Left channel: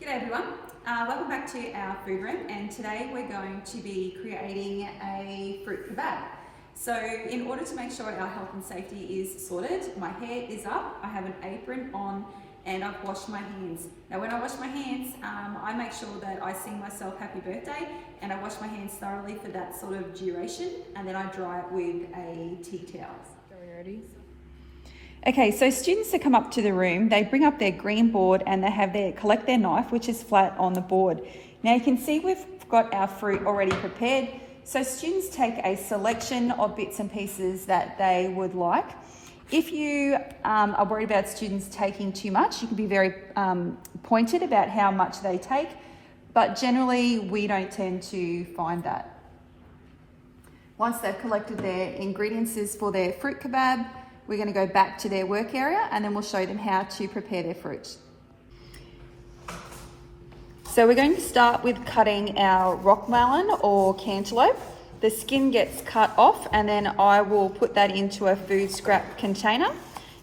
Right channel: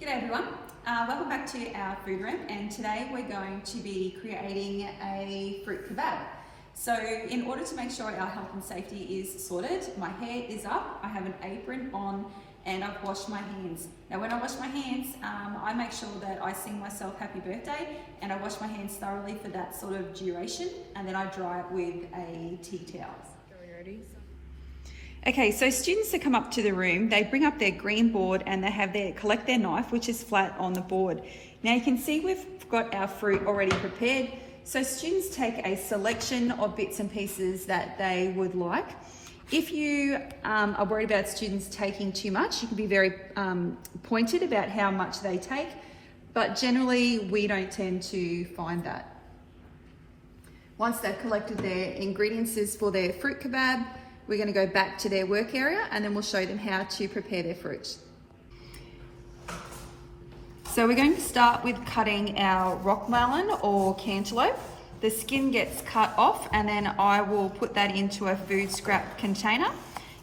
G'day everyone, welcome back to our food room, and today we're going to be creating a fruit kebab. So in order to make sure our health and safety is sorted, my hair is up, I have an apron on, and I've washed my hands. Now when I wash my hands, I make sure that I sing myself happy birthday, and I wash my hands thoroughly for that sort of duration, and then I dry it with a tea towel. Okay, so students that come up to the room, they bring up their green board and they collect their knife, which is flat on the board. Now you can see we've got our fruit already prepared. So students take a selection of bits and pieces that they would like. If you are worried about students taking too much, you can be very pointed about how much they take, but generally we don't tend to find that. Once they've collected their ingredients for their fruit kebab, we're going to go back to their work area and then we'll show them how to prepare their fruit. So we're going to start with cutting our rock melon or cantaloupe. The skin gets cut off and then I will put that into a food scrap container.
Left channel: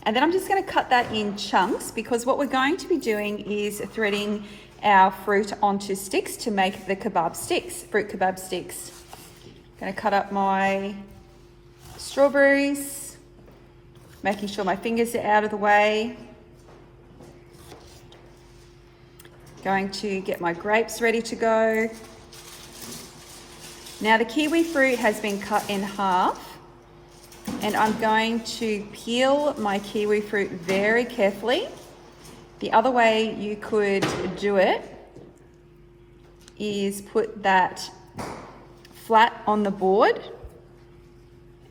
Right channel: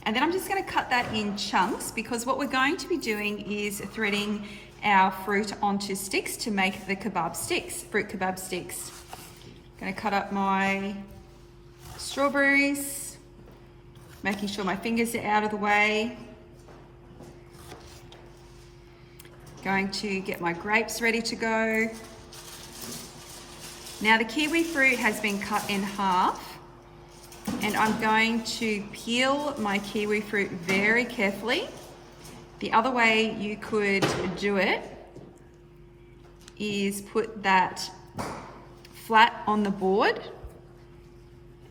And then I'm just going to cut that in chunks because what we're going to be doing is threading our fruit onto sticks to make the kebab sticks, fruit kebab sticks. I'm going to cut up my strawberries, making sure my fingers are out of the way. Going to get my grapes ready to go. Now the kiwi fruit has been cut in half and I'm going to peel my kiwi fruit very carefully. The other way you could do it is put that flat on the board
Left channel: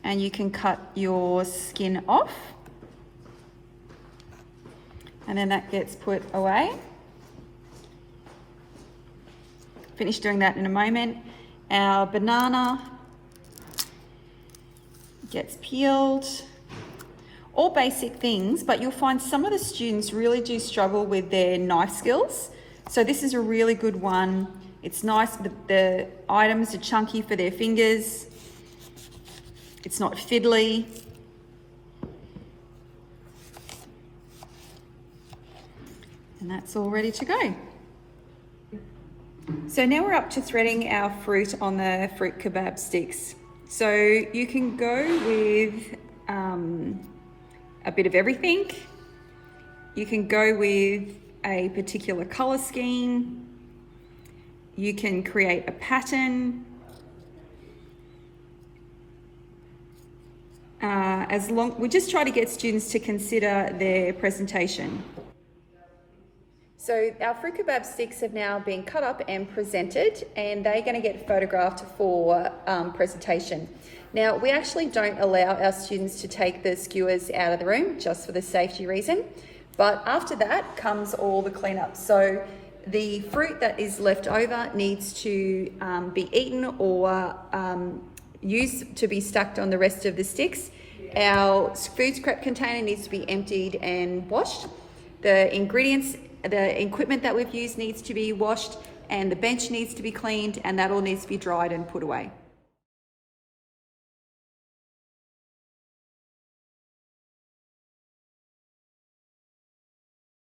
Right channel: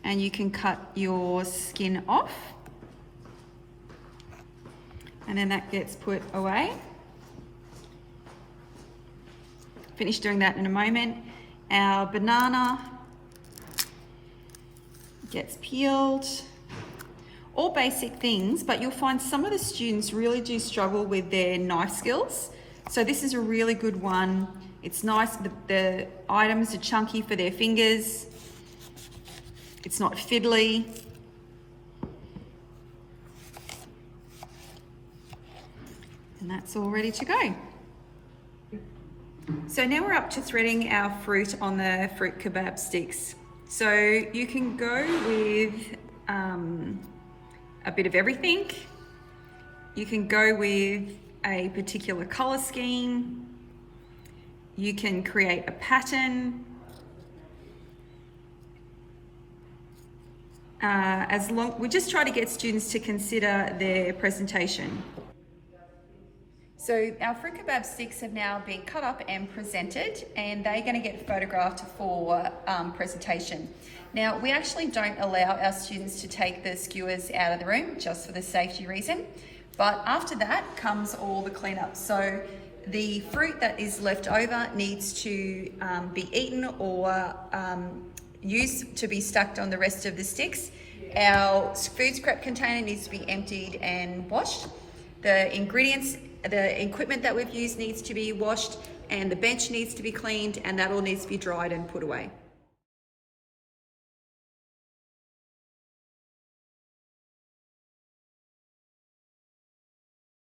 and you can cut your skin off and then that gets put away. Finish doing that in a moment. Our banana gets peeled. All basic things, but you'll find some of the students really do struggle with their knife skills. So this is a really good one. It's nice, the items are chunky for their fingers. It's not fiddly. And that's all ready to go. So now we're up to threading our fruit on the fruit kebab sticks. So you can go with a bit of everything. You can go with a particular color scheme. You can create a pattern. We just try to get students to consider their presentation. So our fruit kebab sticks have now been cut up and presented, and they're going to get photographed for presentation. Now we actually don't allow our students to take the skewers out of the room just for the safety reason, but after that comes all the cleanup. So the fruit that is left over needs to be eaten or used to be stacked on the rest of the sticks. Our food scrap container needs to be emptied and washed. The ingredients, the equipment that we've used needs to be washed, and the bench needs to be cleaned, and that all needs to be dried and put away.